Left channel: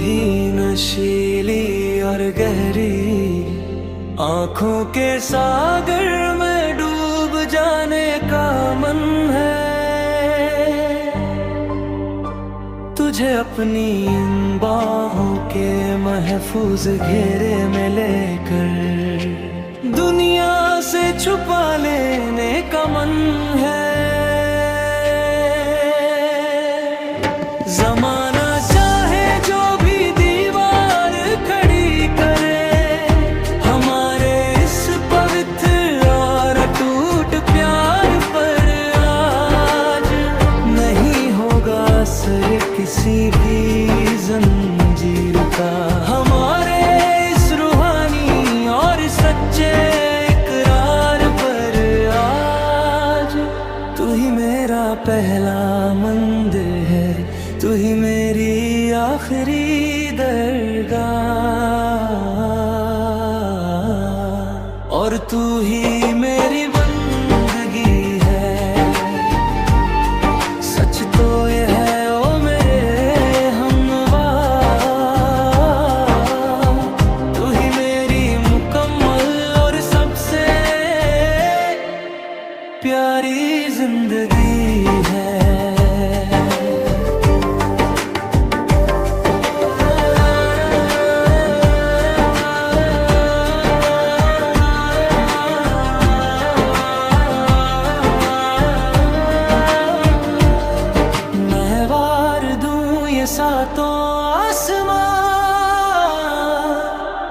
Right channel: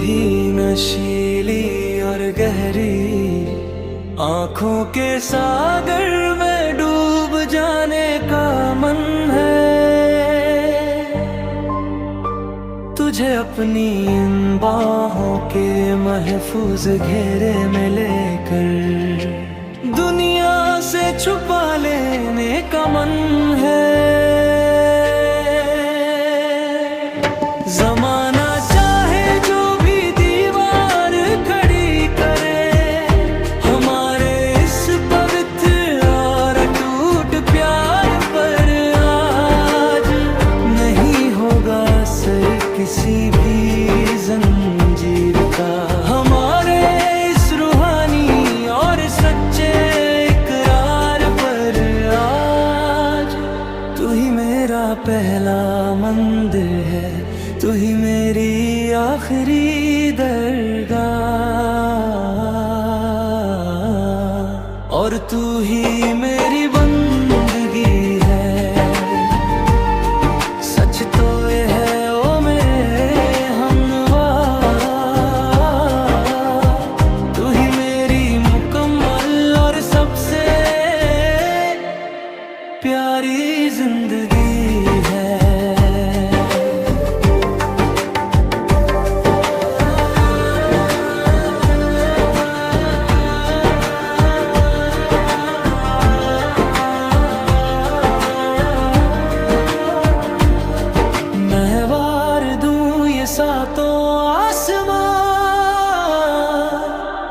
ही नशीली और गहरी आंखों के सागर में डूब जाने का मन है। तुझे अपनी इन बाहों के महफूज घेरे में लेकर दुनिया से छुपा लेने का मन है। जमाना चाहे जो भी दीवार खड़ी करे, हमारे इस पवित्र और अटूट प्यार पर आज नहीं होगा असर किसी भी जंजीर का। हमारे इस रूहानी और सच्चे इकरार पर आज तू ही मेरा पहला मंदिर है, तू ही मेरी आखिरी दरगाह, और तू ही मेरी बंदगी है। सच तो ये है ओ मेरे हमनवा, तू ही मेरी मुकम्मल और सबसे प्यारी जिंदगी है। सातों आसमां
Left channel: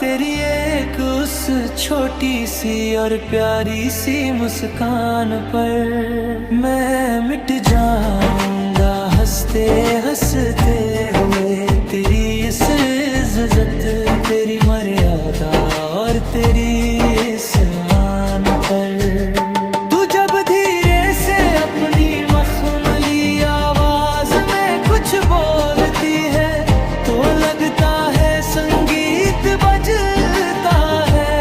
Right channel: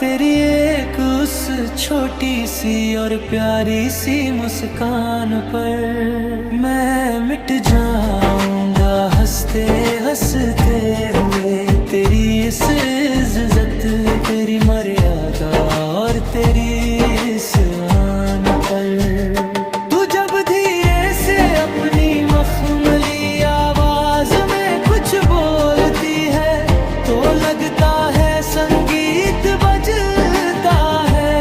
तेरी एक उस छोटी सी और प्यारी सी मुस्कान पर मैं मिट जाऊंगा हंसते हंसते हुए। तेरी इस इज्जत, तेरी मर्यादा और तेरी इस आन पर तू जब धीरे से अपनी मखमली आवाज में कुछ बोलती है तो लगता है संगीत बजता है।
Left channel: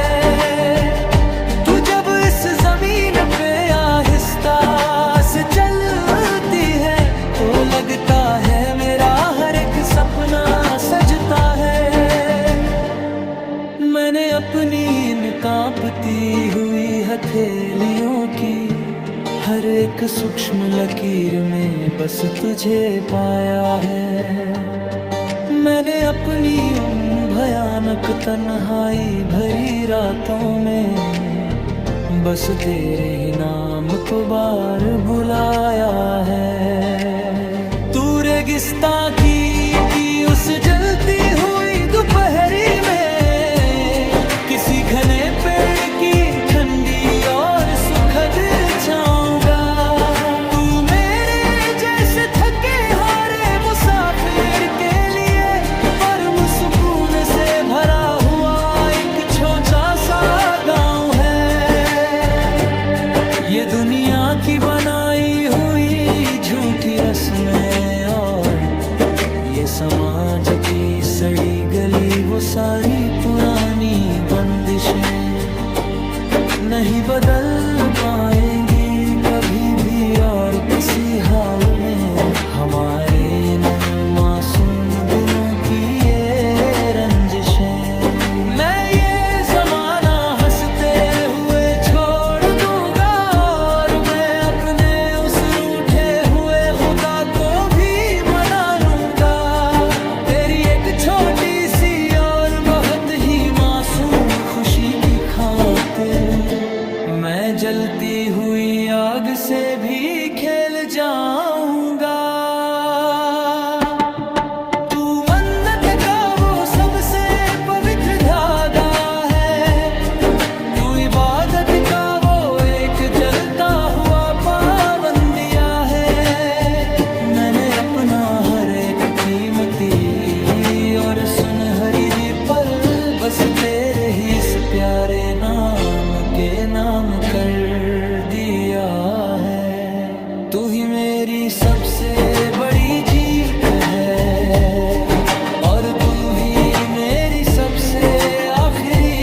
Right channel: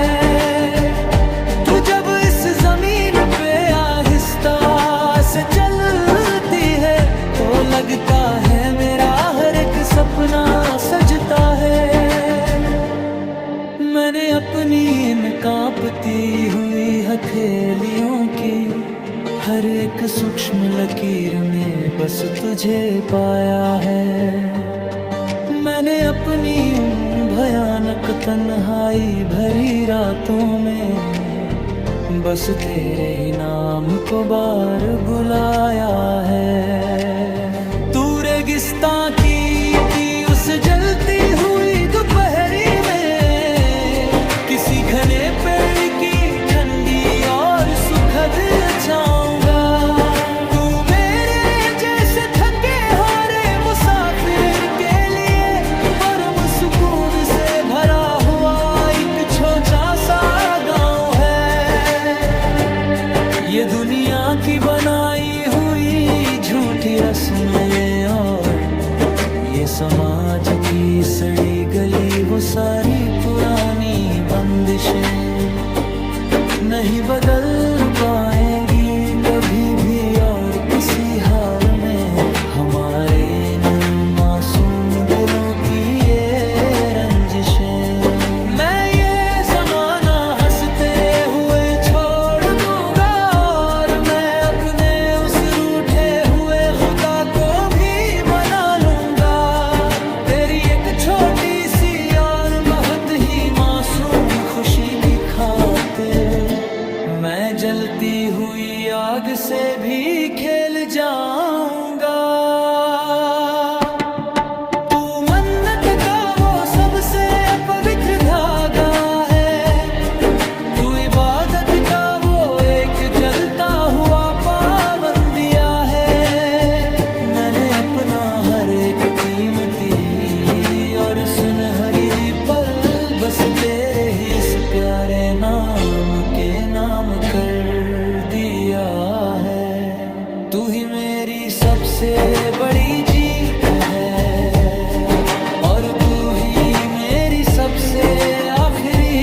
तू जब इस जमीन पे आहिस्ता से चलती है तो लगता है मेरा हर एक सपना सजता है। मैंने अपनी इन कांपती हुई हथेलियों की हर एक सूक्ष्म लकीर में बस तुझे पाया है। मैंने अपनी उन भयानक तन्हाई भरी रातों में बस तेरे ही नाम को बार बुलाया है। तू रेगिस्तां की उस जलती हुई दोपहरी में किसी घने पेड़ की ठंडी और सुखद छाऊंगा। तू मेरे जैसे थके हारे मुसाफिर के लिए परम सुकून से भरा हुआ एक छोटा सा गांव है। ये दुनिया की बनाई हुई झूठी रस्में और ये समाज की सड़ी गली वो सारी पुरानी बंदिशें नहीं बदल पाएंगी कभी भी और किसी हाल में। हमारे इन मासूम दिलों की ये रंजिशें मैं ये जमाना हंसते हुए छोड़ दूंगा और मैं अपने उस रूठे हुए खुदा को भी मना लूंगा। तेरी एक छोटी सी और बहुत ही मासूम खुशी की खातिर मैं जलती हुई आग से भी खेल जाऊंगा। तू मन्नत का वो सबसे पवित्र धागा है, तू इबादत का वो एक जलता हुआ पाबंदिया है। मैंने अपना हर एक कीमती और सुनहरी दी पल बस तेरे ही इस प्यारे नाम के नाम कर दिया है। तू ही मेरी सबसे बड़ी जीत है और तू ही मेरी सबसे आखिरी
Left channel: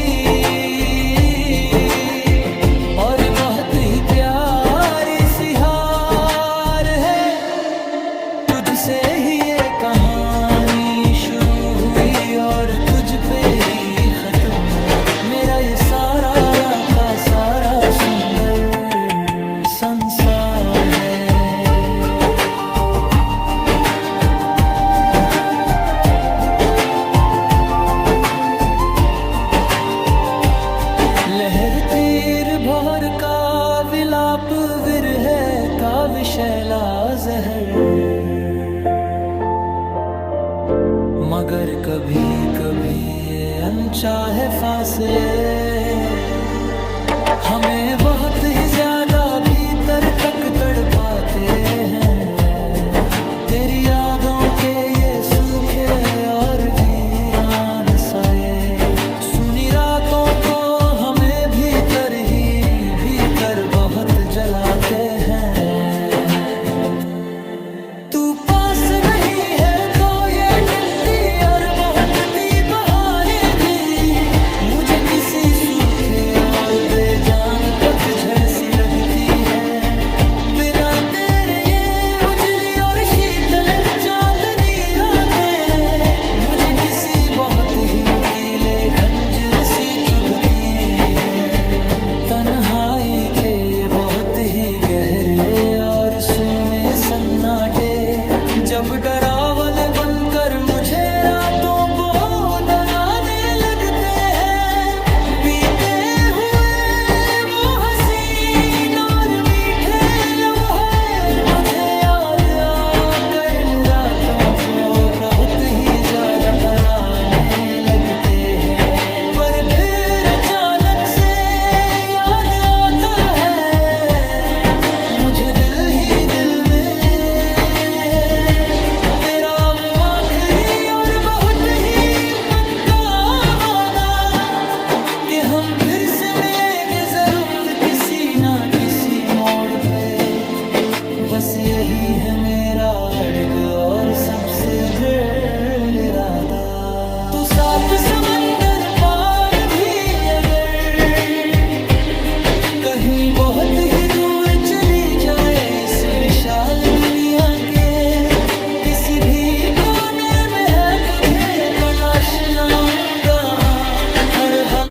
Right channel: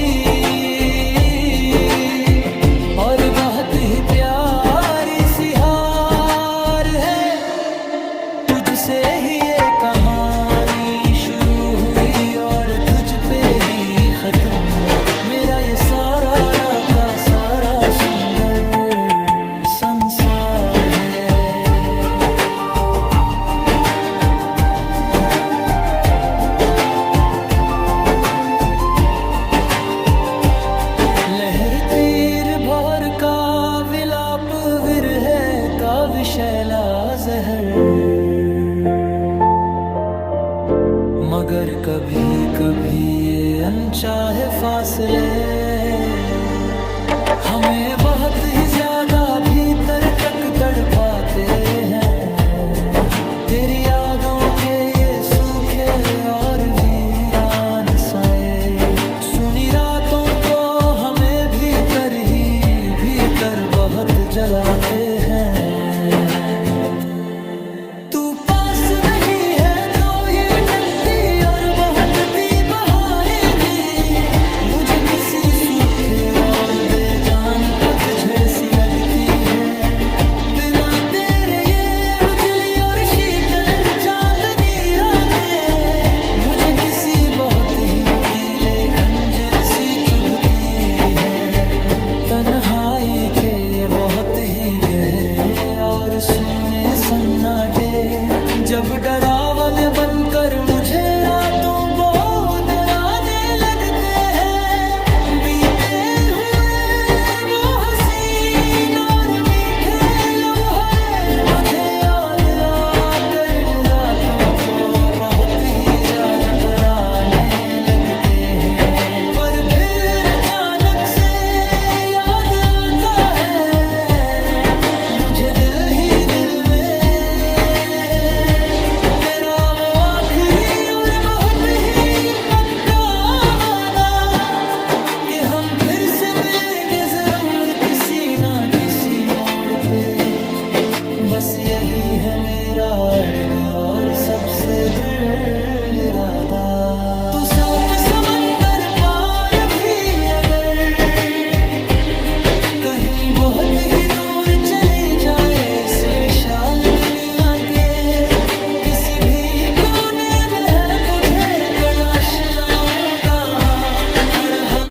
और बहुत ही प्यारी सी हार है। तुझसे ही ये कहानी शुरू हुई और तुझ पे ही खत्म। मेरा ये सारा का सारा सुंदर संसार है। लहर तीर भौर का विलाप विरह का विषैला जहर, मगर कभी कभी ये अनचाहे फासले हमें बहुत ही ज्यादा भीतर तक तड़पाते हैं। तेरी यादों के ये सूखे और वीरान साए सुनी रातों को हमें भीतर ही भीतर बहुत जलाते हैं। तू पास नहीं है तो ये टट्टी और बहुत सी बहारें भी मुझे किसी सूखे और बेजान पतझड़ सी लगती है। बिना तेरे ये उजली और शीतल चांदनी रातें मुझे किसी बहुत ही नुकीले खंजर सी चुभती है। तन्हाई के ये बहुत ही गहरे और सूने सन्नाटे जब डरावन बनकर मुझे रातों को डराने लगते हैं। बीते हुए वो हसीन और मीठे लम्हे मुझे याद आकर इन रातों को बहुत ही ज्यादा पराने लगते हैं। पर फिर अचानक से याद आता है मुझे दिल ही दिल में तेरा वो आखिरी और बहुत ही पक्का वादा कि हम फिर से मिलेंगे जरूर किसी ना किसी मोड़ पे। बस यही है मेरा अड़ग और सबसे दृढ़ इरादा। तू साथ समंदर पार भी अगर कहीं बहुत ही दूर चली जाए इस विशाल दुनिया के किसी भी कोने में है तुझे तलाश लाऊंगा हर हल।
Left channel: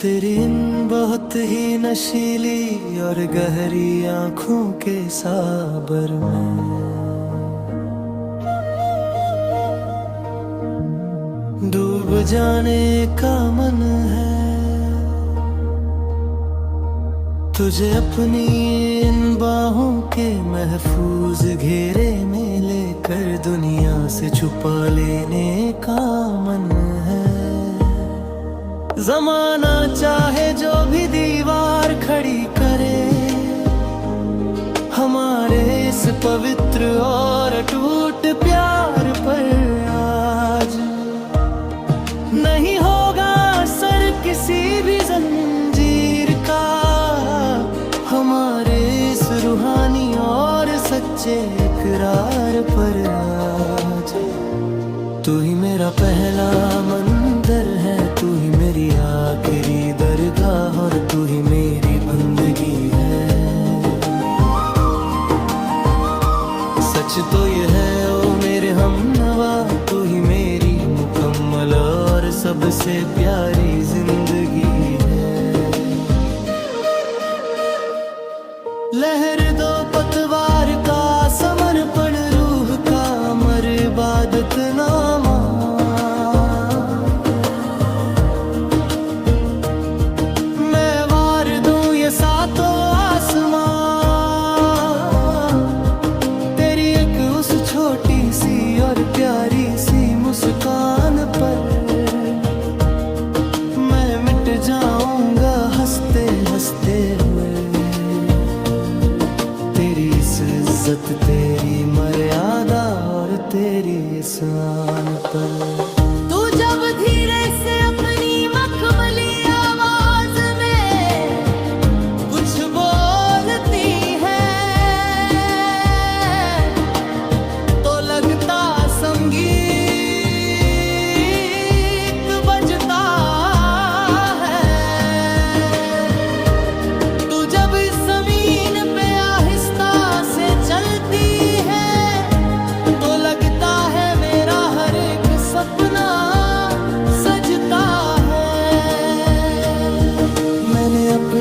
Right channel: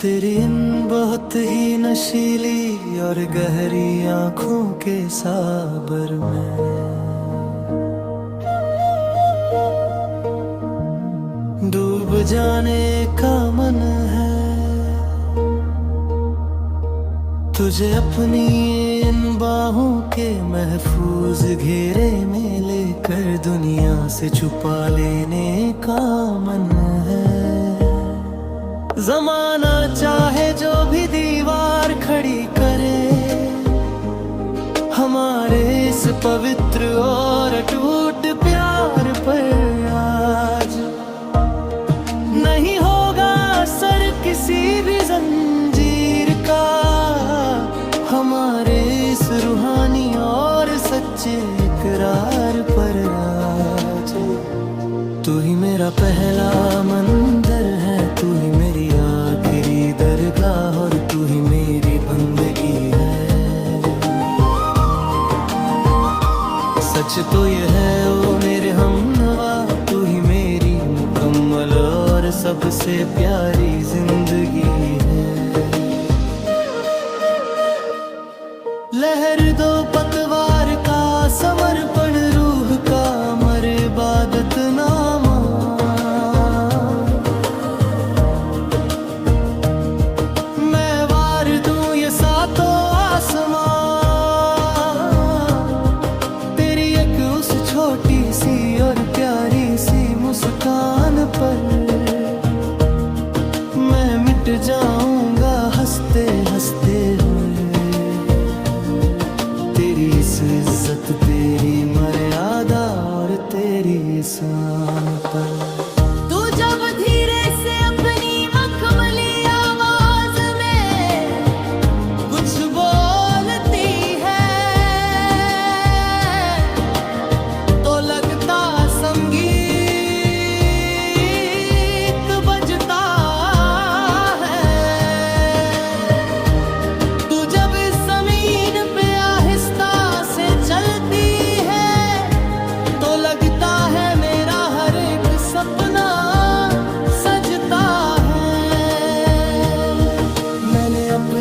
तेरी इन बहुत ही नशीली और गहरी आंखों के साबर में डूब जाने का मन है। तुझे अपनी इन बाहों के महफूज घेरे में लेकर दुनिया से छुपा लेने का मन है। जमाना चाहे जो भी दीवार खड़ी करे हमारे इस पवित्र और अटूट प्यार पर आज नहीं होगा असर किसी भी जंजीर का। हमारे इस रूहानी और सच्चे इकरार पर आज तू ही मेरा पहला मंदिर है, तू ही मेरी आखिरी दरगाह और तू ही मेरी बंदगी है। सच तो ये है ओ मेरे हमनवा तू ही मेरी मुकम्मल और सबसे प्यारी जिंदगी है। लहर दो पतवार का समर्पण रूह का अमर इबादत नामा। मैं वार दूं ये सातों आसमां तेरी एक उस छोटी सी और प्यारी सी मुस्कान पर। मैं मिट जाऊंगा हंसते हंसते हुए तेरी इस इज्जत तेरी मर्यादा और तेरी इस आन पर। तू जब धीरे से अपनी मखमली आवाज में कुछ बोलती है तो लगता संगीत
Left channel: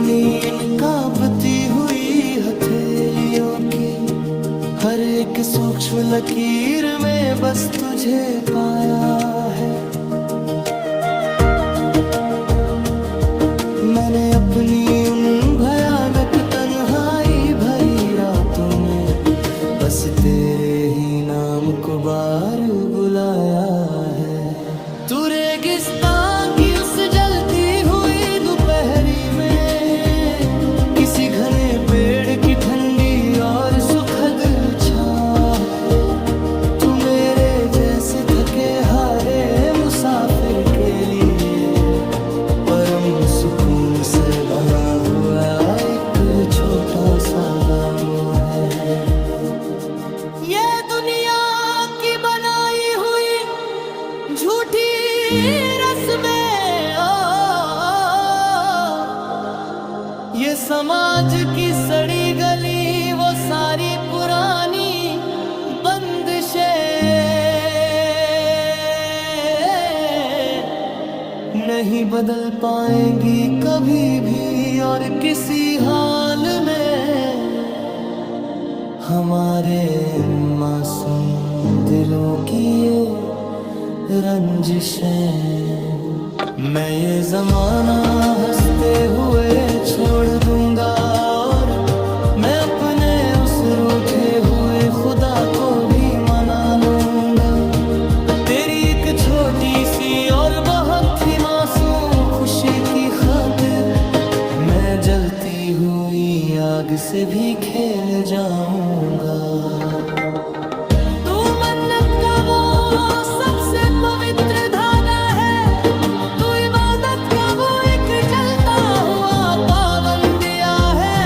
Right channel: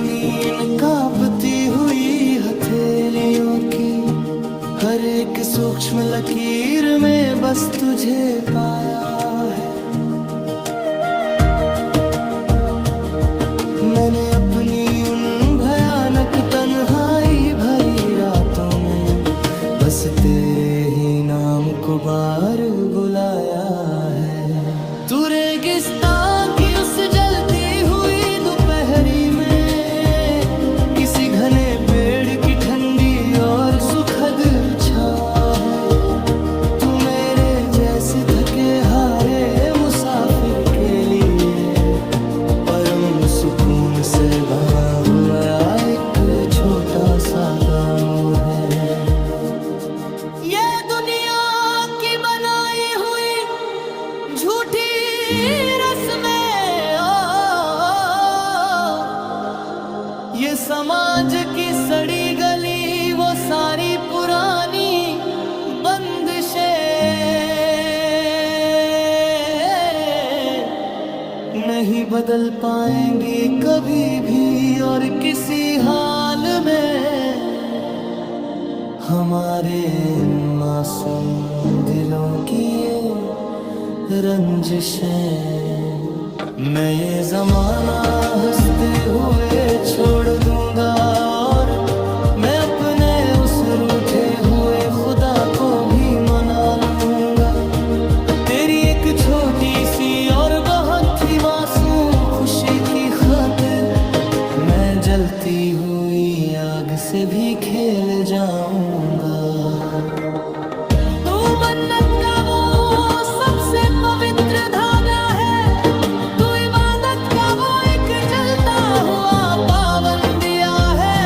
अपनी इन कांपती हुई हथेलियों की हर एक सूक्ष्म लकीर में बस तुझे पाया है। मैंने अपनी उन भयानक तन्हाई भरी रातों में बस तेरे ही नाम को बार बुलाया है। तू रेगिस्तान की उस जलती हुई दोपहरी में किसी घने पेड़ की ठंडी और सुखद छां है। तू मेरे जैसे थके हारे मुसाफिर के लिए परम सुकून से बहा हुआ एक छोटा सा गाँव है। ये दुनिया की बनाई हुई झूठी रस्में ये समाज की सड़ी गली वो सारी पुरानी बंदिशें नहीं बदल पाएंगी कभी भी और किसी हाल में। हमारे मासूम दिलों की ये रंजिशें मैं ये जमाना हंसते हुए छोड़ दूंगा और मैं अपने उस रूठे हुए खुदा को भी मना लूंगा। तेरी एक छोटी सी और बहुत ही मासूम खुशी की खातिर मैं जलती हुई आग से भी खेल जाऊंगा। तू मन्नत का वो सबसे पवित्र धागा है, तू इबादत का वो एक जलता हुआ पावन दिया है।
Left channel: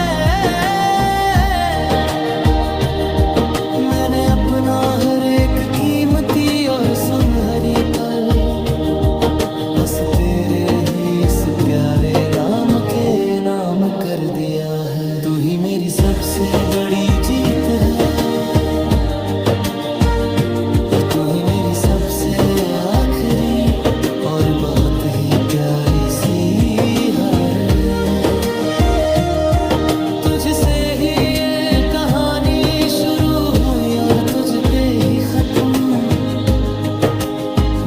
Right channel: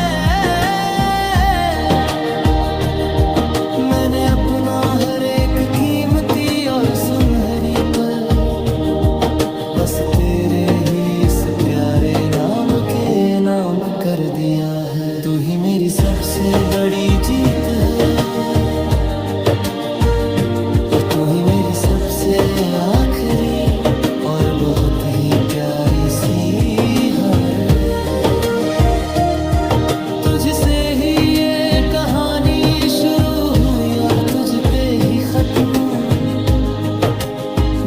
मैंने अपना हर एक कीमती और सुनहरी पल बस तेरे ही इस प्यारे नाम के नाम कर दिया है। तू ही मेरी सबसे बड़ी जीत है और तू ही मेरी सबसे आखिरी और बहुत ही प्यारी सी हार है। तुझसे ही ये कहानी शुरू हुई और तुझ पे ही खत्म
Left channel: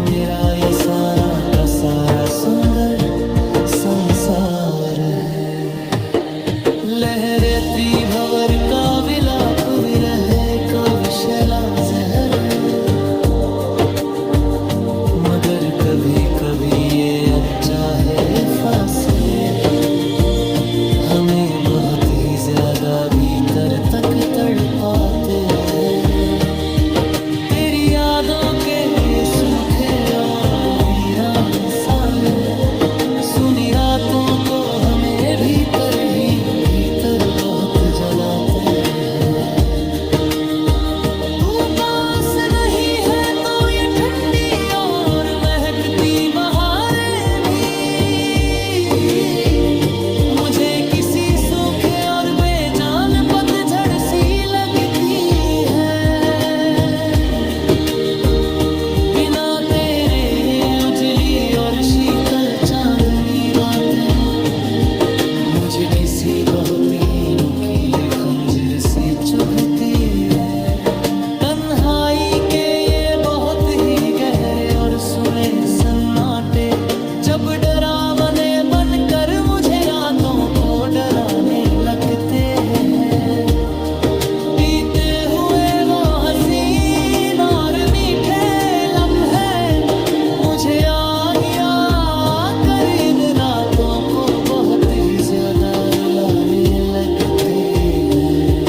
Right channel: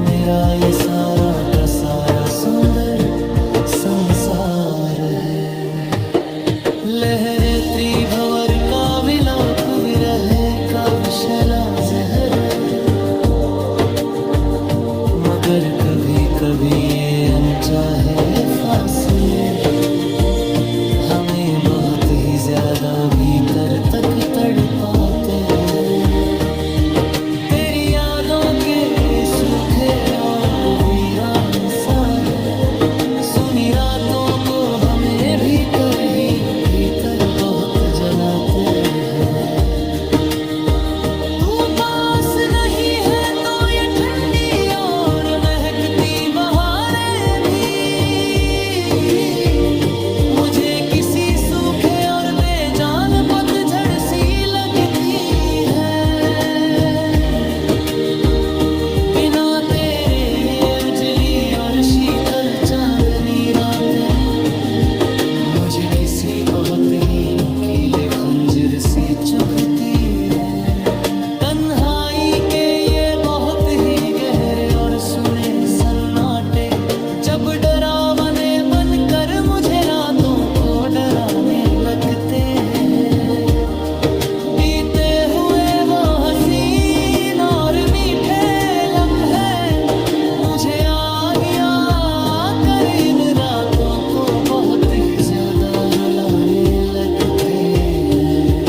मेरा ये सारा का सारा सुंदर संसार है। लहरे त्रिभवर का विलाप विरह का विषैला जहर मगर कभी कभी ये अनचाहे फासले हमें बहुत ही ज्यादा भीतर तक तड़पाते हैं। तेरी यादों के ये सूखे और वीरान साए सुनी रातों को हमें भीतर ही भीतर बहुत जलाते हैं। तू पास नहीं है तो ये ठंडी और महकती बहारें भी मुझे किसी सूखे और बेजान पतझड़ सी लगती है। बिना तेरे ये उजली और शीतल चांदनी रातें मुझे किसी बहुत ही नुकीले खंजर सी चुभती है। तन्हाई के ये बहुत ही गहरे और सुने सन्नाटे जब डरावने बनकर मुझे रातों को डराने लगते हैं। बीते हुए वो हसीन और मीठे लम्हे मुझे आहिया कर इन रातों को बहुत ही ज्यादा रुलाने लगते हैं।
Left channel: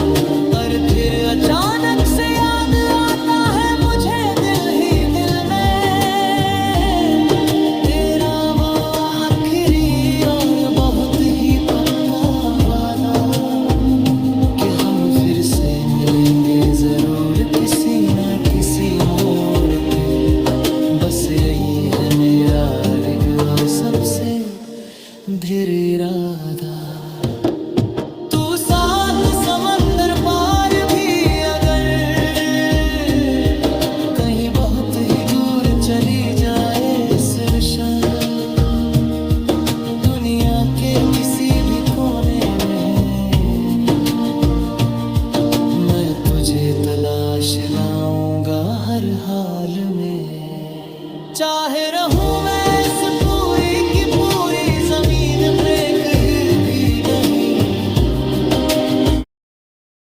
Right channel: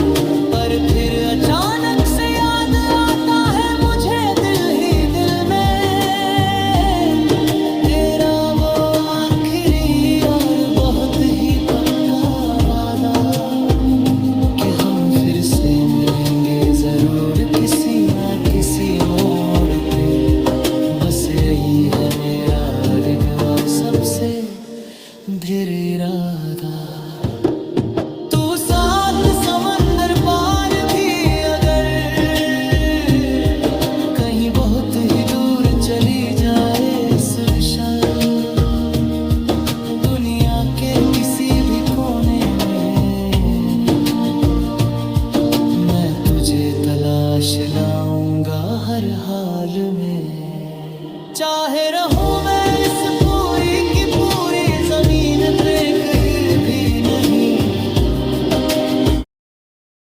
पर फिर अचानक से याद आता है मुझे दिल ही दिल में तेरा वो आखिरी और बहुत ही पक्का वादा कि हम फिर से मिलेंगे जरूर किसी ना किसी मोड़ पे। बस यही है मेरा अड़िग और सबसे दृढ़ इरादा। तू सात समंदर पार भी अगर कहीं बहुत ही दूर चली जाए इस विशाल दुनिया के किसी भी कोने में मैं तुझे तलाश लाऊंगा हर हाल में। चाहे रहूं मैं इस पूरी की पूरी जमीन पे कहीं भी नहीं,